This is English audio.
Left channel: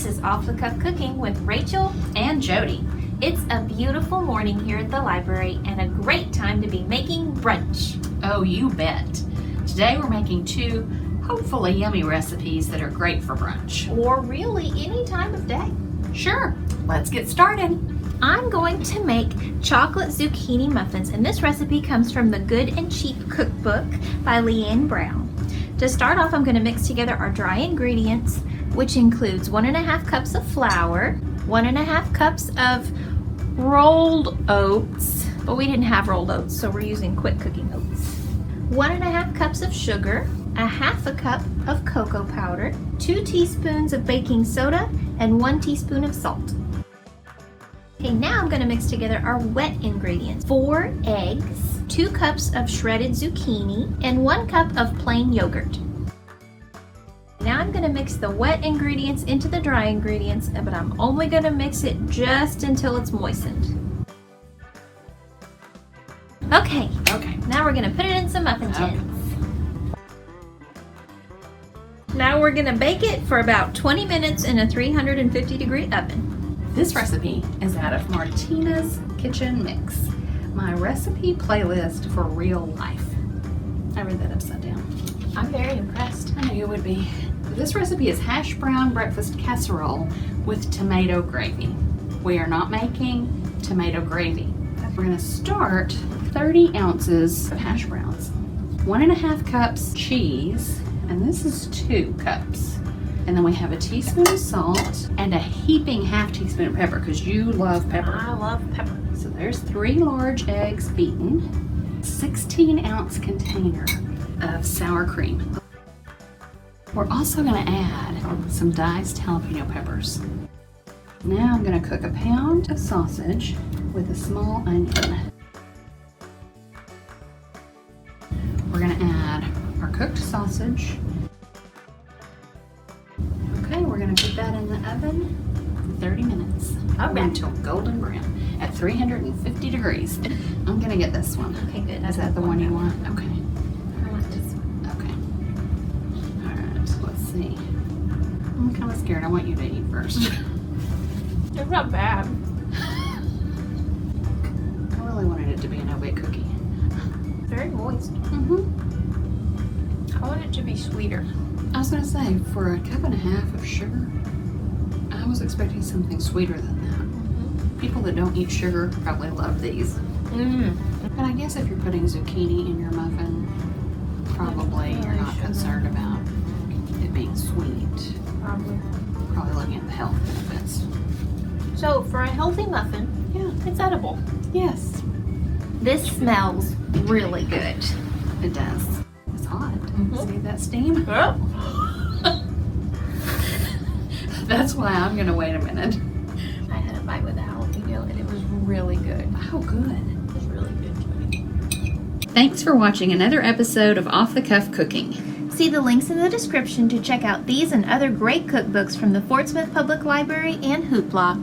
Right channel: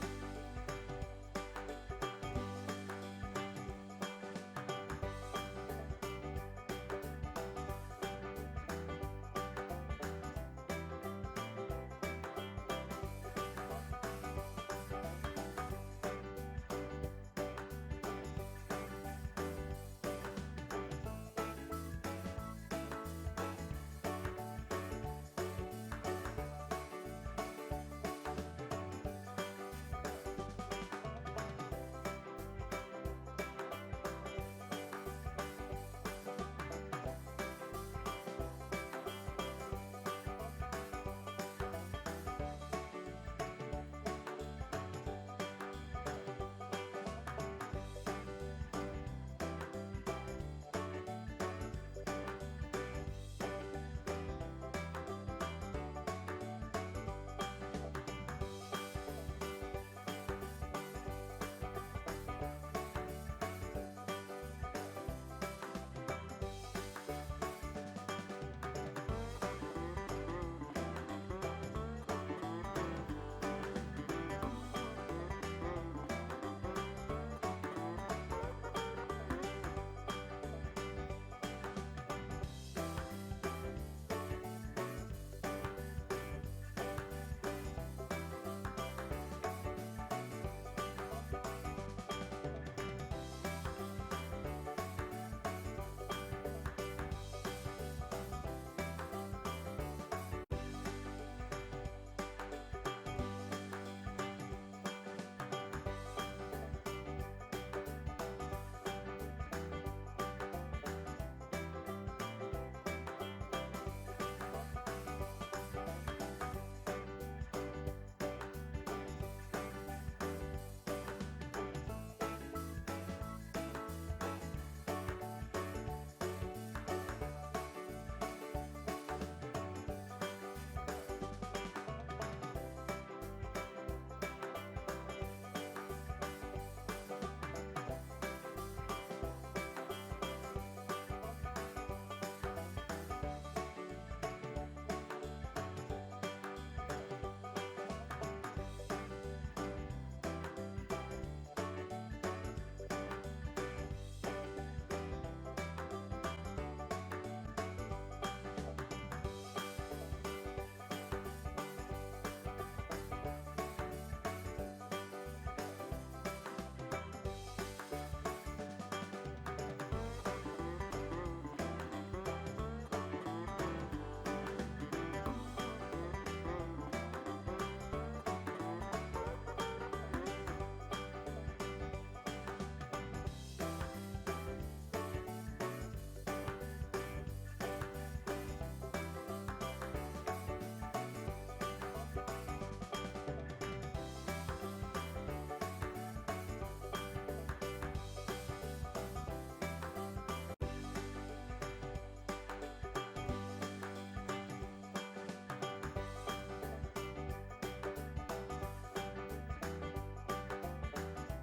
This is Off the Cuff Cooking with Rachel and Jodie. It's a beautiful morning here at the library and a great time to be making brunch. Oh, you bet. Today we're making two hopefully yummy recipes that are great for brunch. Or really any time of day. Sure, let's get started. I'm going to make chocolate zucchini muffins, and this recipe comes from the Good and Cheap Cookbook by Leanne Brown. To start off, I'm going to mix together our dry ingredients, which includes 1.5 cups of flour, 1.5 cups of rolled oats, but we didn't have rolled oats, so we're using quick cooking oats. 1.5 cups of sugar, 1/2 cup of cocoa powder, 2 teaspoons of baking soda, and 1 teaspoon of salt. Okay, now I'm going to mix together our wet ingredients. 4 eggs, 2 cups of shredded zucchini, and 1 cup of plain yogurt. Now I'm going to mix the wet ingredients into the dry ingredients, but I'm only going to mix it just until it's moistened. Okay, now we're going to put it in some muffin tins. Now we're going to bake it for about 20 minutes in a 350-degree oven. This recipe is out of Martina's Kitchen Mix, my recipe playlist for real life. I read that upside down. I'm very impressed. I knew you would be. This recipe is hash brown breakfast casserole with tomato gravy. We are not making tomato gravy. We're going to start with 30 ounces of hash browns, 1.5 cups cheese, and this is 2 cups. And then we have a teaspoon of salt and a heaping 1/2 teaspoon of pepper because you love pepper. I love pepper. So there's 3 large eggs beaten, 16-ounce container of sour cream. We're also going to add some diced jalapeno peppers. Now I'm going to cook a pound of sausage with a small onion. We're going to add our cooked sausage. Okay, we're going to put that in the oven for 30 minutes. Until golden brown at 350 degrees. I'm going to get this one. Okay, good. Is that the one you want? Okay. I want this one. Okay. Alright, let's see. I'm kind of scared. I want you to eat first. It's not bad. I really wanted it to be an no-bake cookie. Very moist. I want it to be sweeter. I was going to say, for 1.5 cups of sugar, I was expecting something sweeter than that. People that don't eat sugar probably love these. But I guess if you're putting zucchini in your muffin, probably you're not concerned about it being sweet. Probably looking at the health benefits. So for a healthy muffin, Yeah. it's edible. Yes, This smells really good. it does. It's hot. See that steam? Oh. That's why I'm going to wait a minute. I had a bite with the jalapeno and it was really good. Oh, good. It was really good. Thanks for watching another episode of Off the Cuff Cooking. See the links in the description to check out these and other great cookbooks from the Fort Smith Public Library and Hoopla.